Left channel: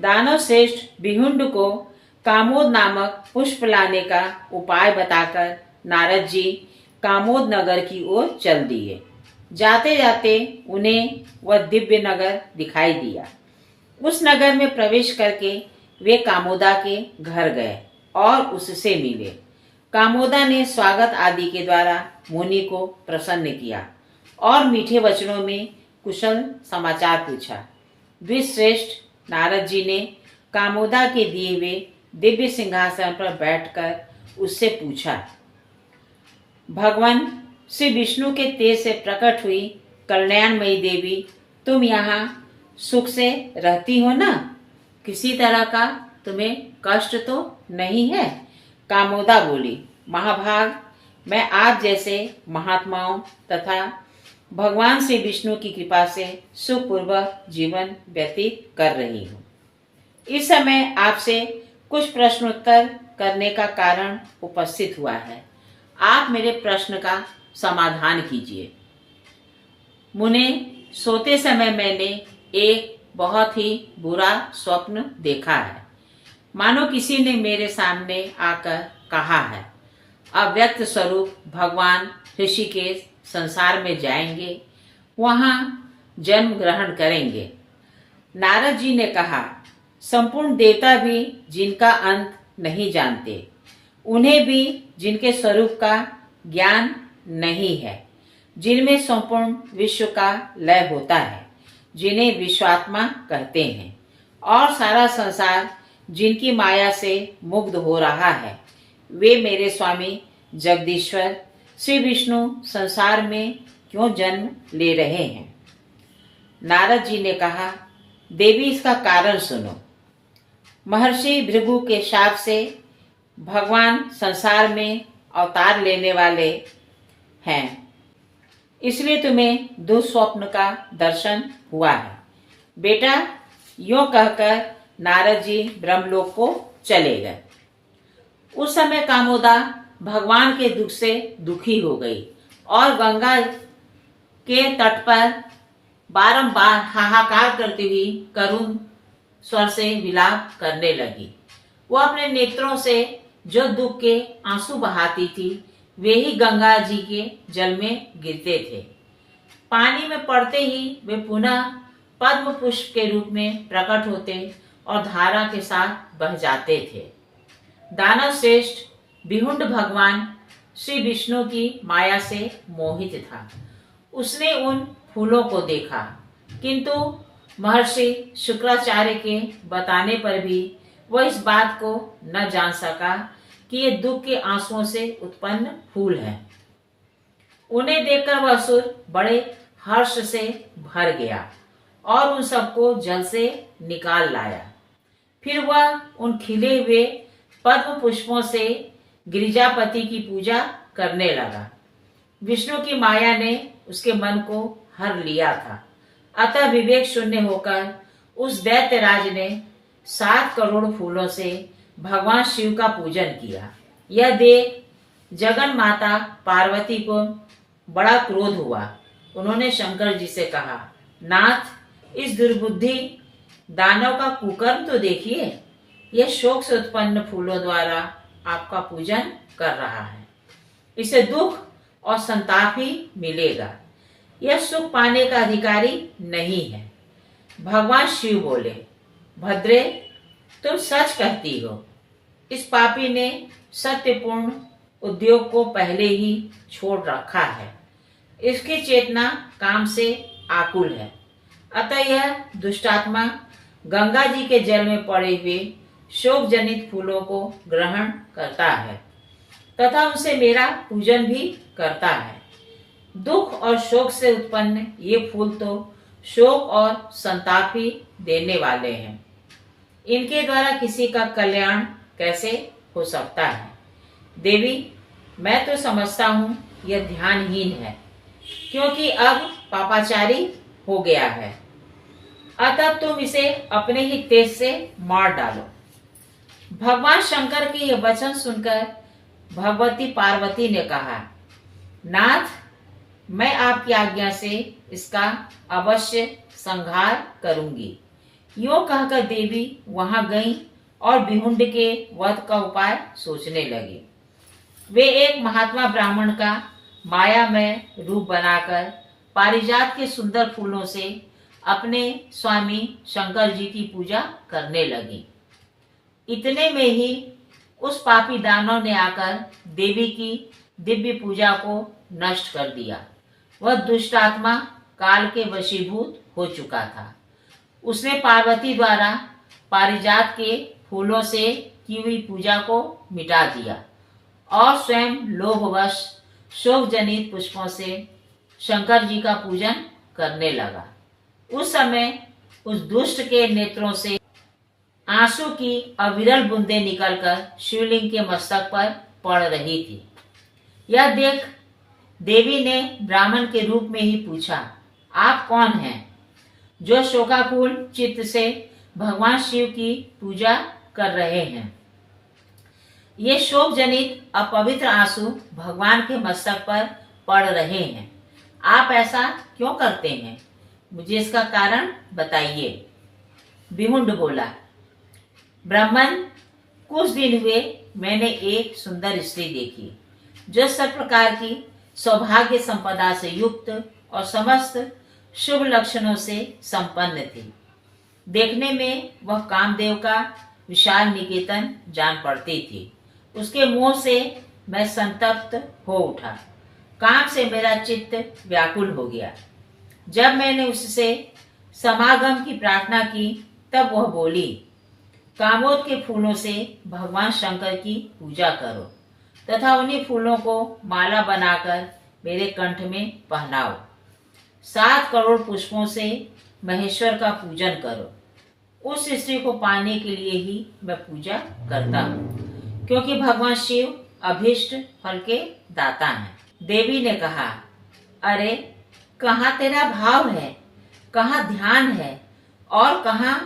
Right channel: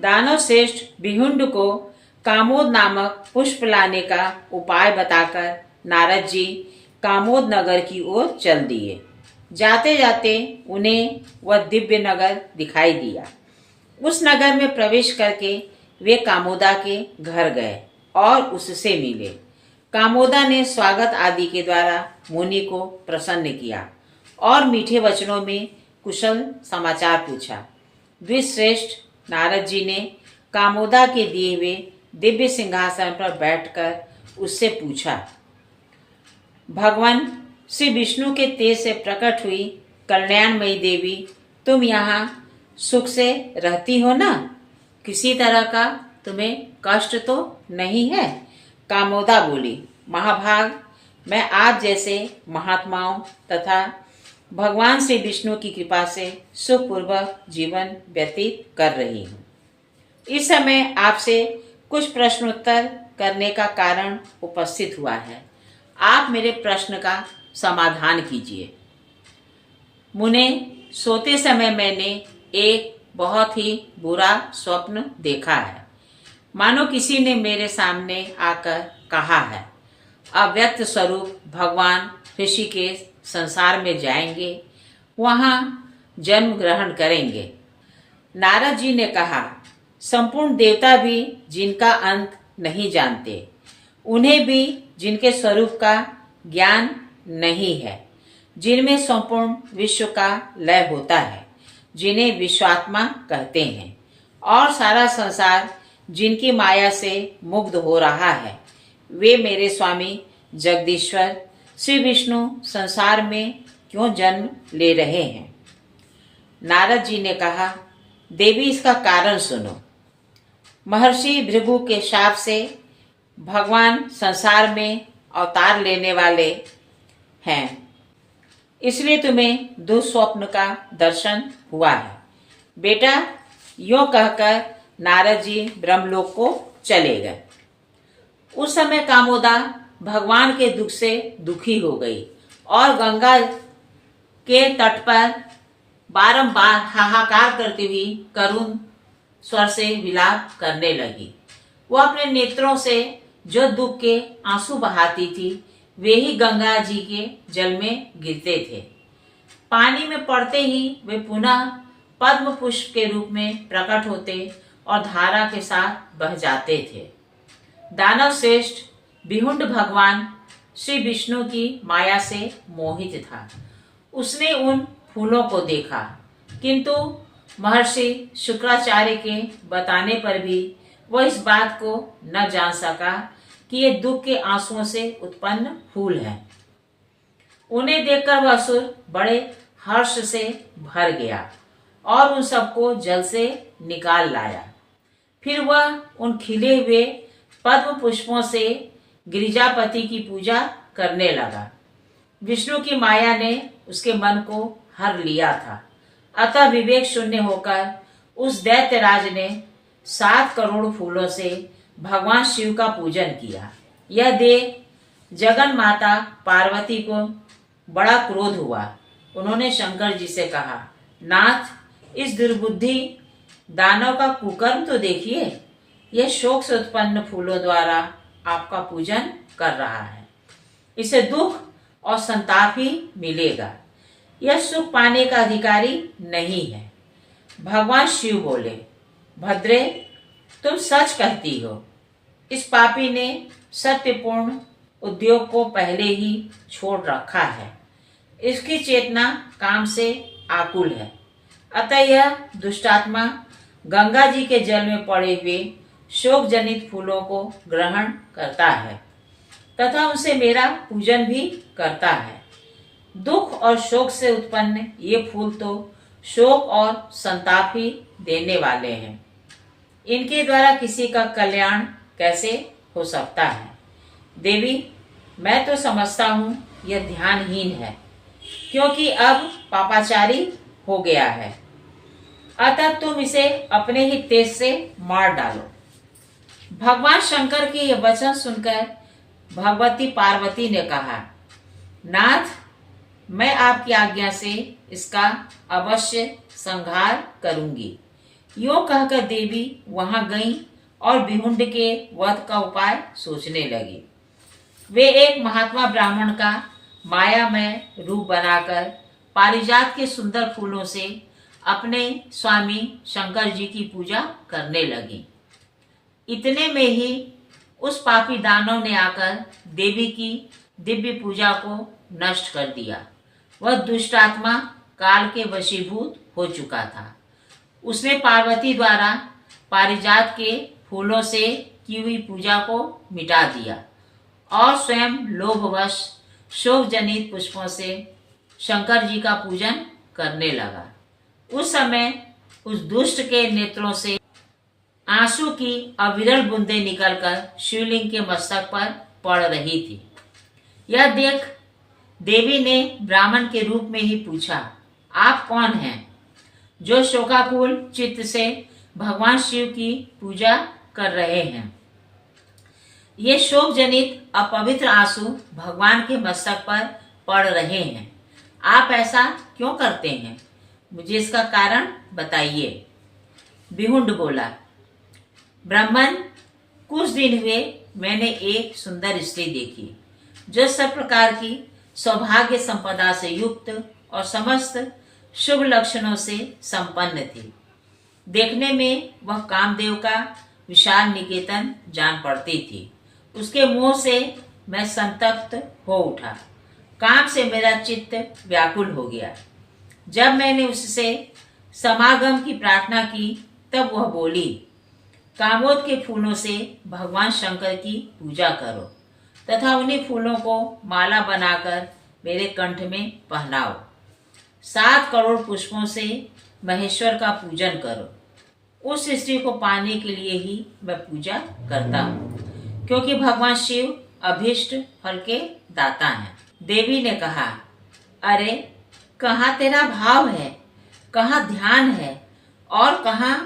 दानव श्रेष्ठ भिहुंड को कामोद नामक पुष्प लाने का उपाय बताकर नारद जी कामोद नगर की ओर चल दिए। जाते जाते उन्हें वह दिव्य नगर दिखाई दिया। उस नगर में प्रवेश करके वे कामोदा के घर गए और उससे मिले। कामोदा ने स्वागत आदि के द्वारा मुनि को प्रसन्न किया और मीठे वचनों में कुशल समाचार पूछा। द्विश्रेष्ठ नारद जी ने कामोदा के दिए हुए दिव्य सिंहासन पर बैठकर उससे पूछा, भगवान श्री विष्णु के तेज से प्रकट हुई कल्याणमयी देवी, तुम यहाँ सुख से रहती हो ना? किसी तरह का तुम्हें कष्ट तो नहीं है? कामोदा बोली, महाभाग, मैं आप जैसे महात्माओं तथा भगवान श्री विष्णु की कृपा से सुखपूर्वक जीवन व्यतीत कर रही हूँ। इस समय आपसे कुछ प्रश्नोत्तर करने का कारण उपस्थित हुआ है। आप मेरे प्रश्न का समाधान कीजिए। मुने, सोते समय मैंने एक बहुत ही बुरा स्वप्न देखा है। मानो किसी ने मेरे सामने आकर कहा है, अव्यक्त स्वरूप भगवान ऋषिकेश संसार में जाएंगे, वहाँ जन्म ग्रहण करेंगे। नारद जी ने कहा, संपूर्ण देवता भी जिनका अंत नहीं जानते, उन्हें भी जिनके स्वरूप का ज्ञान नहीं है, जिनमें संपूर्ण विश्व का लय होता है, जिन्हें विश्वात्मा कहते हैं, और सारा संसार जिनकी माया से मुग्ध हो रहा है, वे मेरे स्वामी जगदीश्वर श्री विष्णु संसार में क्यों जन्म ले रहे हैं? नारद जी ने कहा, देवी, इसका कारण सुनो। महर्षि भृगु के शाप से भगवान संसार में अवतार लेने वाले हैं, इसलिए तुम्हें दुस्वप्न का दर्शन हुआ है। बेटा, यूं कहकर नारद जी ब्रह्मलोक को चले गए। उस समय कामोदा भगवान के दुख से दुखी हो गई और गंगा के तट पर बारंबार हाहाकार करती हुई करुण स्वर से विलाप करने लगी। वह अपने नेत्रों से जो दुख के आंसू बहाती थी, वे ही गंगा जी के जल में गिरते थे। पानी में पड़ते ही वे पुनः पद्म पुष्प के रूप में प्रकट होते और धारा के साथ बह जाते थे। दानव श्रेष्ठ भिहुंड भगवान श्री विष्णु की माया से मोहित था। उसने उन फूलों को देखा, किंतु महर्षि शुक्राचार्य के बताने पर भी वह इस बात को न जान सका कि ये दुख के आंसुओं से उत्पन्न फूल हैं। उन्हें देखकर वह असुर बड़े हर्ष से भर गया और उन सबको जल से निकाल लाया। फिर वह उन खिले हुए पद्म पुष्पों से गिरिजापति की पूजा करने लगा। विष्णु की माया ने उसके मन को हर लिया था, अतः विवेक शून्य होकर उस दैत्यराज ने 7 करोड़ फूलों से भगवान शिव का पूजन किया। यह देख जगन माता पार्वती को बड़ा क्रोध हुआ। उन्होंने शंकर जी से कहा, नाथ, इस दुर्बुद्धि दानव का कुकर्म तो देखिए। यह शोक से उत्पन्न फूलों द्वारा आपका पूजन कर रहा है। इसे दुख और संताप ही मिलेगा। यह सुख पाने का अधिकारी नहीं है। भगवान शिव बोले, भद्रे, तुम सच कहती हो। इस पापी ने सत्यपूर्ण उद्योग को पहले ही छोड़ रखा है। इसकी चेतना काम से आकुल है, अतः यह दुष्टात्मा गंगा जी के जल में पड़े हुए शोक जनित फूलों को ग्रहण करता है तथा उनसे मेरा पूजन भी करता है। दुख और शोक से उत्पन्न ये फूल तो शोक और संताप ही देने वाले हैं। इनके द्वारा किसी का कल्याण कैसे हो सकता है? देवी, मैं तो समझता हूँ यह ध्यानहीन है, क्योंकि अब पापाचारी हो गया है, अतः तुम इसे अपने ही तेज से मार डालो। भगवान शंकर के यह वचन सुनकर भगवती पार्वती ने कहा, नाथ, मैं आपकी आज्ञा से इसका अवश्य संहार करूंगी। यूं कहकर देवी वहां गई और बिहुंड के वध का उपाय सोचने लगी। वे एक महात्मा ब्राह्मण का मायामय रूप बनाकर पारिजात के सुंदर फूलों से अपने स्वामी शंकर जी की पूजा करने लगी। इतने में ही उस पापी दानव ने आकर देवी की दिव्य पूजा को नष्ट कर दिया। वह दुष्ट आत्मा काल के वशीभूत हो चुका था। उसने पार्वती द्वारा पारिजात के फूलों से की हुई पूजा को मिटा दिया और स्वयं लोभवश शोक जनित पुष्पों से शंकर जी का पूजन करने लगा। उस समय उस दुष्ट के नेत्रों से आंसू की अविरल बूंदें निकलकर शिवलिंग के मस्तक पर पड़ रही थी। यह देख देवी ने ब्राह्मण के रूप में ही पूछा, आप कौन हैं जो शोकाकुल चित्त से भगवान शिव की पूजा कर रहे हैं? ये शोक जनित अपवित्र आंसू भगवान के मस्तक पर पड़ रहे हैं। आप ऐसा क्यों करते हैं? मुझे इसका कारण बताइए। बिहुंड बोला, ब्राह्मण, कुछ दिन हुए मैंने एक सुंदर स्त्री देखी जो सब प्रकार की सौभाग्य संपदा से युक्त और समस्त शुभ लक्षणों से संपन्न थी। देखने में वह कामदेव का विशाल निकेतन जान पड़ती थी। उसके मुंह से मैं संतप्त हो उठा। काम से मेरा चित्त व्याकुल हो गया। जब मैंने उससे समागम की प्रार्थना की तब वह बोली, कामोद के फूलों से भगवान शंकर की पूजा करो तथा उन्हीं फूलों को माला बनाकर मेरे कंठ में पहनाओ। 7 करोड़ पुष्पों से महेश्वर का पूजन करो। उस स्त्री को पाने के लिए ही मैं पूजा करता हूँ, क्योंकि भगवान शिव अभीष्ट फल के दाता हैं। देवी ने कहा, अरे कहाँ तेरा भाव है, कहाँ ध्यान है और कहाँ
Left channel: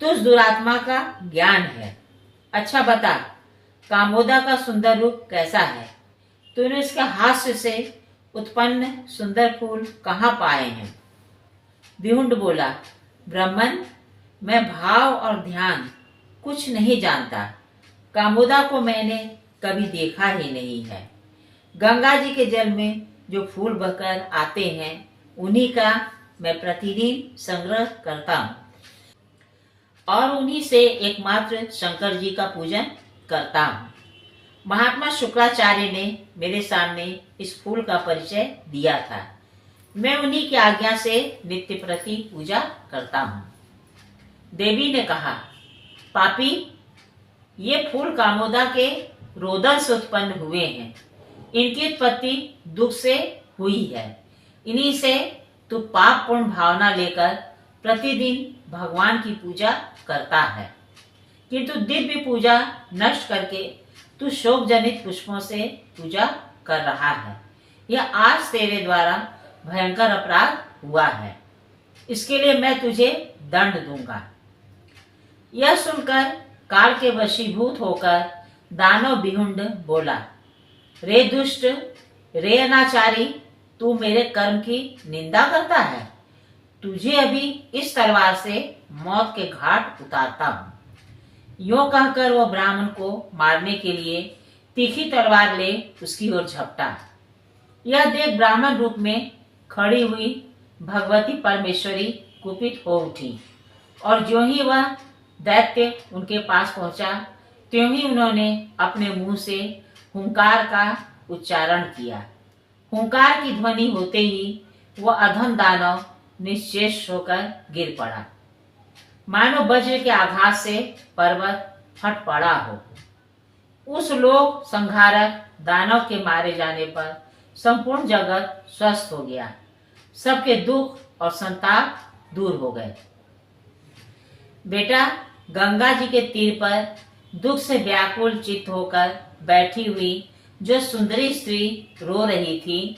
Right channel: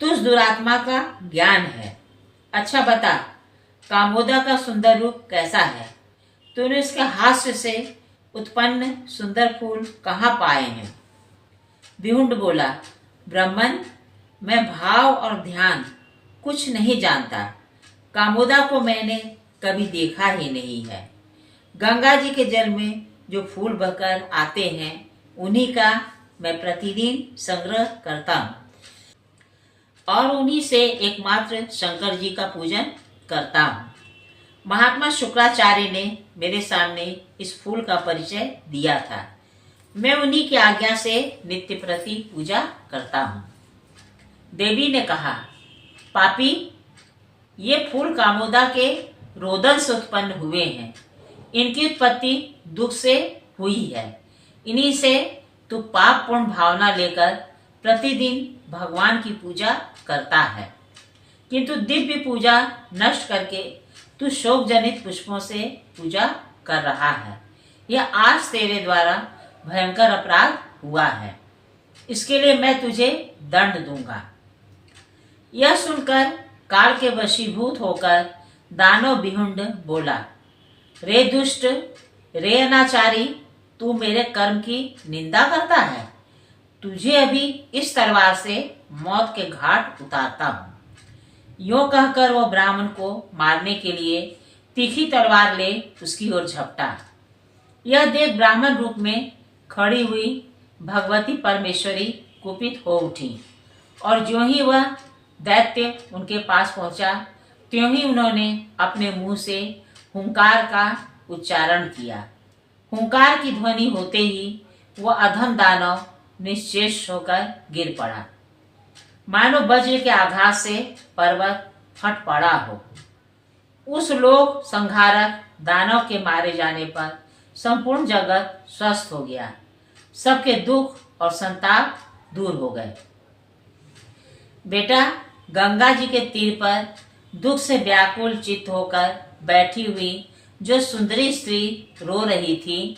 तुझ दुरात्मा का ज्ञान है? अच्छा बता, कामोदा का सुंदर रूप कैसा है? तूने उसके हास्य से उत्पन्न सुंदर फूल कहाँ पाए हैं? बिहुंड बोला, ब्राह्मण, मैं भाव और ध्यान कुछ नहीं जानता। कामोदा को मैंने कभी देखा ही नहीं है। गंगा जी के जल में जो फूल बहकर आते हैं उन्हीं का मैं प्रतिदिन संग्रह करता हूँ और उन्हीं से एकमात्र शंकर जी का पूजन करता हूँ। महात्मा शुक्राचार्य ने मेरे सामने इस फूल का परिचय दिया था। मैं उन्हीं की आज्ञा से नित्य प्रति पूजा करता हूँ। देवी ने कहा, पापी, ये फूल कामोदा के रोदन से उत्पन्न हुए हैं। इनकी उत्पत्ति दुख से हुई है। इन्हीं से तू पाप पूर्ण भावना लेकर प्रतिदिन भगवान की पूजा करता है, किंतु दिव्य पूजा नष्ट करके तू शोक जनित पुष्पों से पूजा कर रहा है। यह आज तेरे द्वारा भयंकर अपराध हुआ है। इसके लिए मैं तुझे दंड दूंगा। यह सुनकर काल के वशीभूत होकर दानव बिहुंड बोला, रे दुष्ट, रे अनाचारी, तू मेरे कर्म की निंदा करता है। तुझे अभी इस तलवार से मौत के घाट उतारता हूँ। यूं कहकर वह ब्राह्मण को मारने के लिए तीखी तलवार ले उसकी ओर झपटा। यह देख ब्राह्मण रूप में खड़ी हुई भगवती परमेश्वरी कुपित हो उठी और ज्यों ही वह दैत्य उनके पास पहुंचा त्यों ही उन्होंने अपने मुंह से हुंकार का उच्चारण किया। हुंकार की ध्वनि होते ही वह अधम दानव निश्चेष होकर गिर पड़ा, मानो वज्र के आघात से पर्वत फट पड़ा हो। उस लोक संहारक दानव के मारे जाने पर संपूर्ण जगत स्वस्थ हो गया। सबके दुख और संताप दूर हो गए। बेटा, गंगा जी के तीर पर दुख से व्याकुल चित्त होकर बैठी हुई जो सुंदरी स्त्री रो रही थी,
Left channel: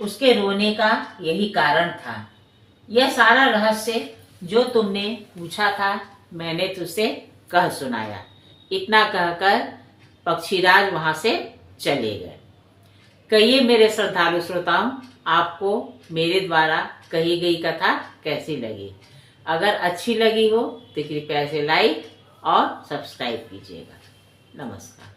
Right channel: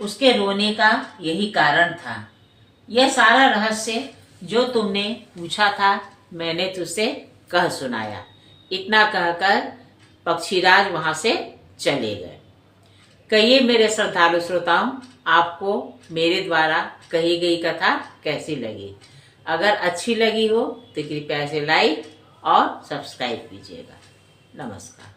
उसके रोने का यही कारण था। यह सारा रहस्य जो तुमने पूछा था मैंने तुझसे कह सुनाया। इतना कहकर पक्षीराज वहां से चले गए। कहिए मेरे श्रद्धालु श्रोताओं, आपको मेरे द्वारा कही गई कथा कैसी लगी? अगर अच्छी लगी हो तो कृपया इसे लाइक और सब्सक्राइब कीजिएगा। नमस्कार।